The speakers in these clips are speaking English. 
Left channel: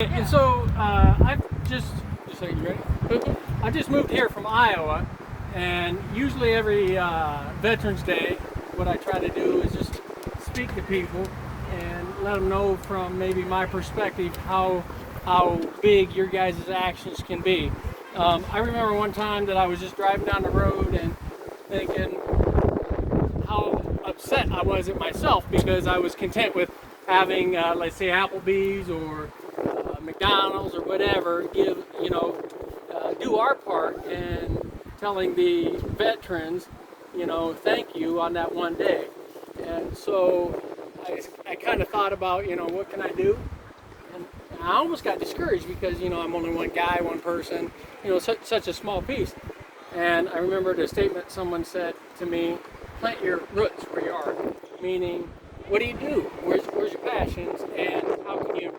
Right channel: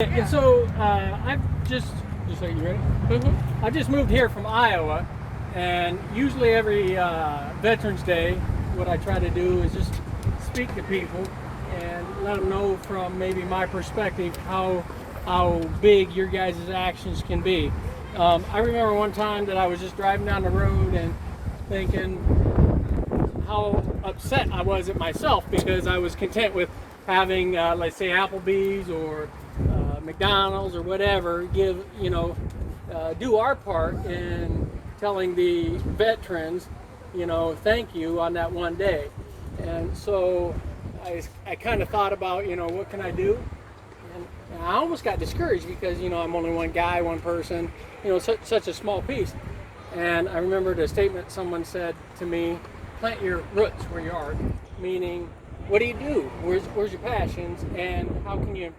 And so I've just so you ready? I just moved here from Iowa, and usually every Veterans Day, what I try to do is just speak to people and let them know from maybe my perspective how big your guys' actions can be. I remember one time that I was just driving down the road and thinking how upset I was at myself because I was content with having, let's say, Applebee's or McDonald's or whatever to give, do our part in telling the veterans, thank you on that one day. And so I kind of thought about, what can I do? And I almost got discouraged because, I'm only one guy, one person, such a small piece. And I remembered a statement someone said to me, plant your roots where you are, meaning, what do you do? Where's your passions, and how can you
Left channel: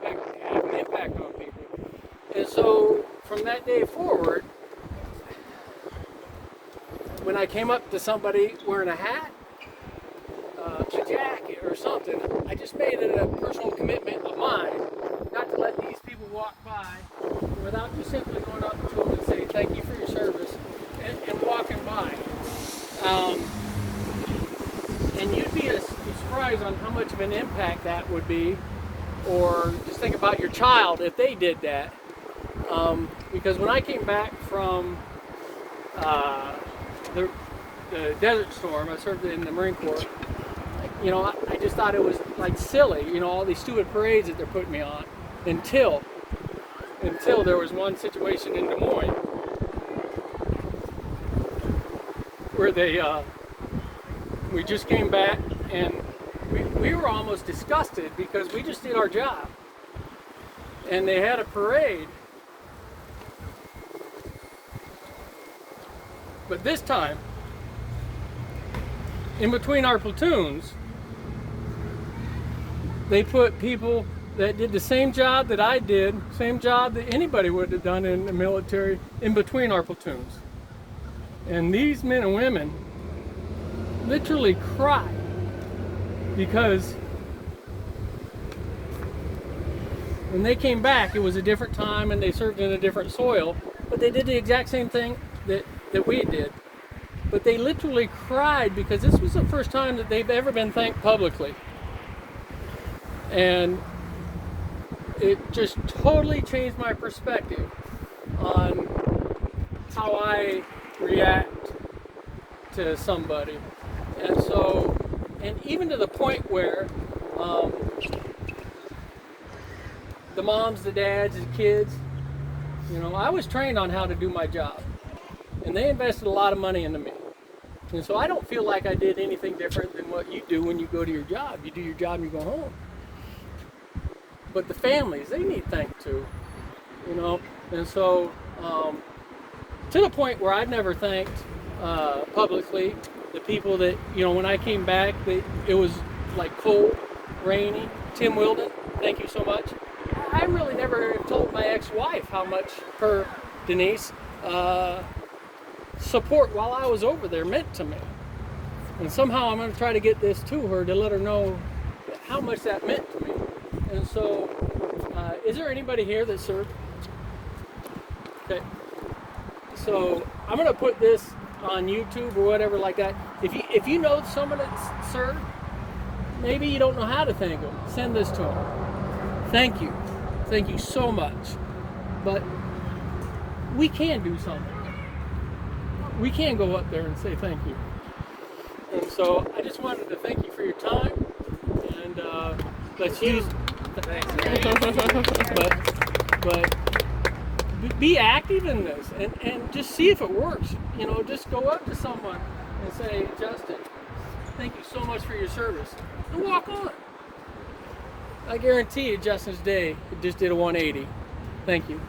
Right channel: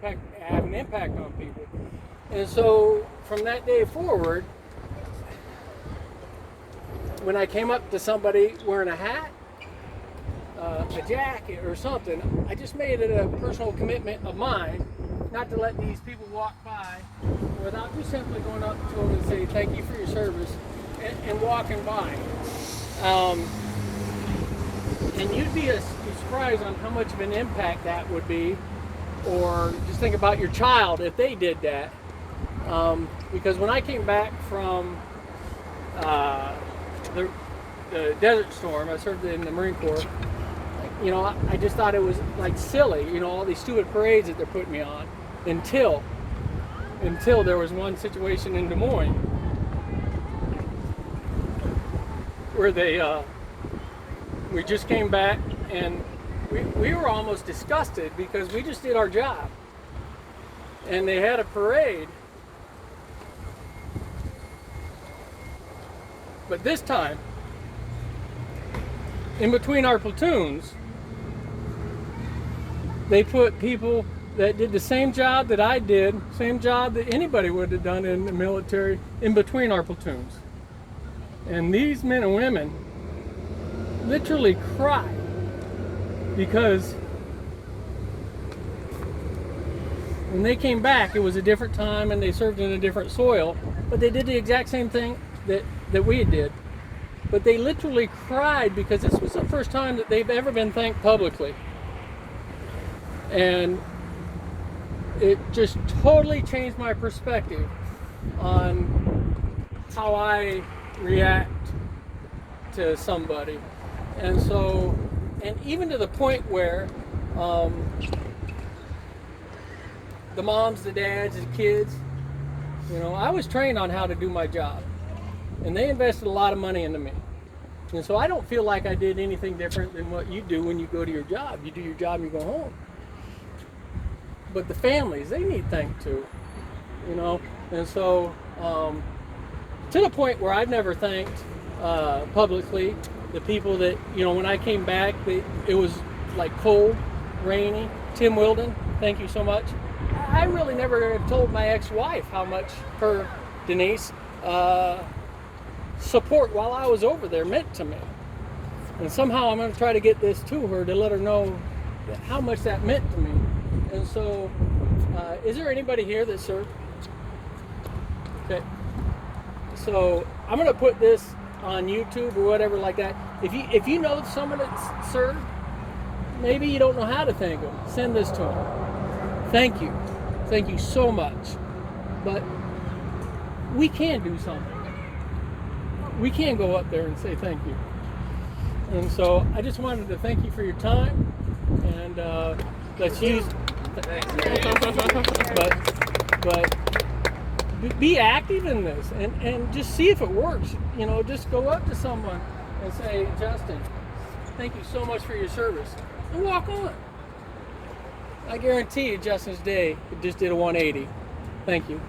have an impact on people? And so from that day forward, when I came up to somebody wearing a hat, a jacket or something, I just made it a personal commitment of mine not to let these people walk by without me simply going up to them and say thank you for your service and walking by. And you'd be surprised on how much of an impact that would be, or just think about your child if they did that. Because when I came back from the Desert Storm, I served in the Marine Corps, I just thought it was like silly, all these stupid parades that they're putting me on, until there was one situation in Des Moines where we just came back, and we were almost disgusted because we just did our job. And they had a parade. But this time, in between our platoons, they put people that did the same job that I did, same job that anybody would have done in the military, in between our platoons. And these men and women literally cried because when they came back, it was a different time and they served in a different soil, but they did the exact same thing that we did. But they literally cried because this was the first time that they've ever been thanked publicly. And it just totally changed my perspective on how I react to somebody. And so, and even to the point where the moms, the dads, the kids, I was trained on how to do my job. And they invested a lot of money into me. And so I don't feel like I did anything different than what you do when you go to your job. You do your job and you go home. But the families, they need thanked too. And so to the point where I've never thanked publicly the people that, when I came back, it was like cold, rainy. Tim Wilden, thank you so much. I really never have told my ex-wife how much her, Denise, support while I was over there meant to me. And somehow I'm going to try to get this to her to let her know how much that meant to me. And so, is there anybody here that served? Okay. So I'm going to put this on YouTube or whatever like that. If you know someone that served, maybe you don't know how to thank them, send this to them. Thank you so much. But we can do something. We can go up there and say thank you. And so I just wanted to thank you for your time, and let's use. But be active in this and just see if it works. Just go up to someone and say, Justin, thank you so much for your service, and walk on. I guarantee you Justin's day just did a 180. Thank you.